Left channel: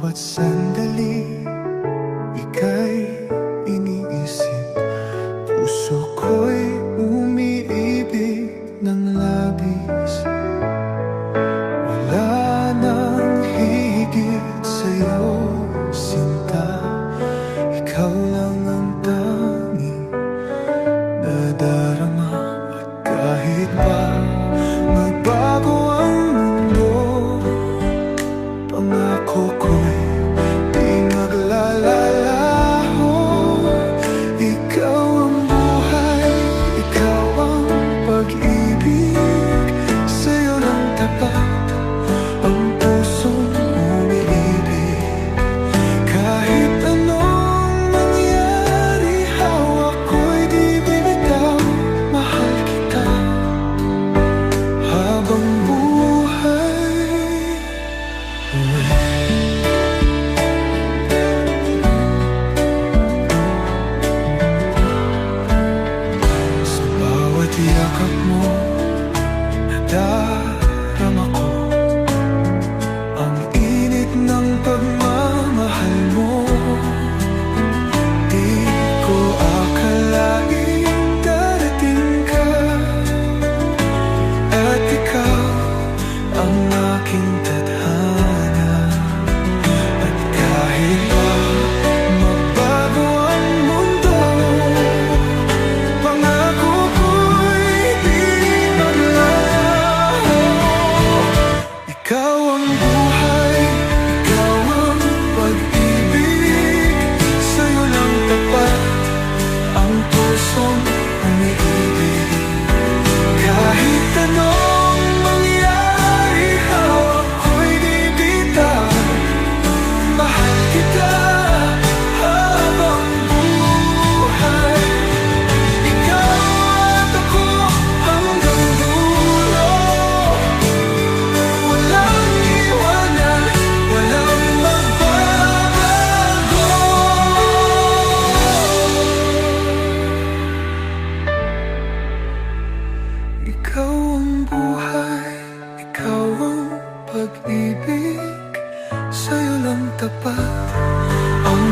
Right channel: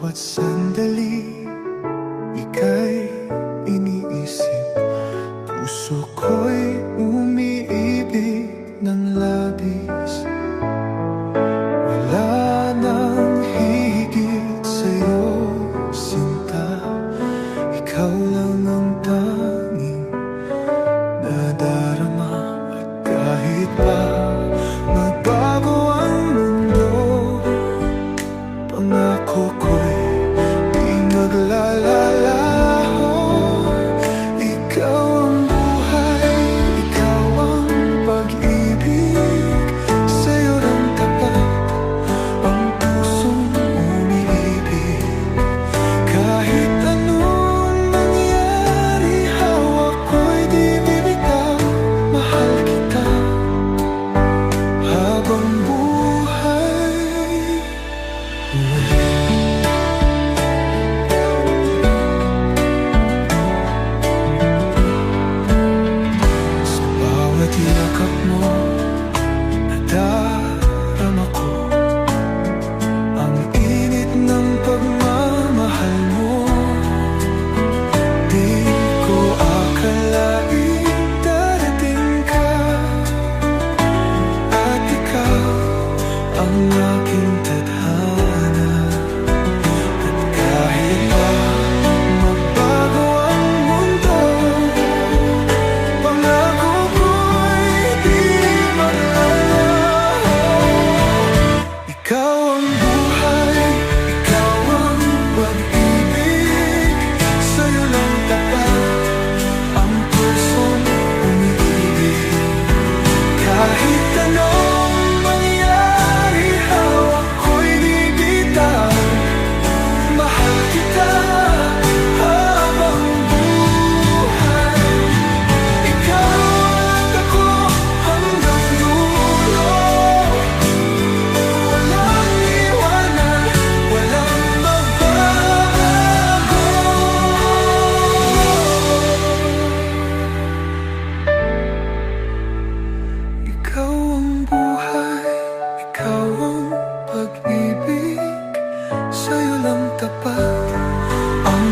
bawat sandali, ika'y iniisip. Puso ko'y umiibig ng labis. Wala nang higit sa'yo, sinta. Ikaw lang ang tanging nadarama. At kahit pa magbago ang mundo, pangako ko'y di maglalalaho. Ikaw ang buhay, ikaw ang pag-ibig. Sa'yo lang tapat ang pusong umiibig. Kahit anong mangyari, hawak ko'y di bibitaw. Mahal kita habang buhay. Sa bawat yakap mo, nadarama ko ang init ng pagmamahal mo. Di ko akalaing darating ka, at ikaw ang aking tadhana. At kahit pa magbago ang mundo, pangako ko'y di maglalaho. Ikaw ang buhay, ikaw ang pag-ibig. Sa'yo lang tapat ang pusong umiibig. Kahit anong mangyari, hawak ko'y di bitaw. Mahal kita habang buhay. Ikaw at ako hanggang dulo. Walang iwanan, walang magbabago. Ikaw ang buhay, ikaw ang pag-ibig. Sa'yo lang tapat ang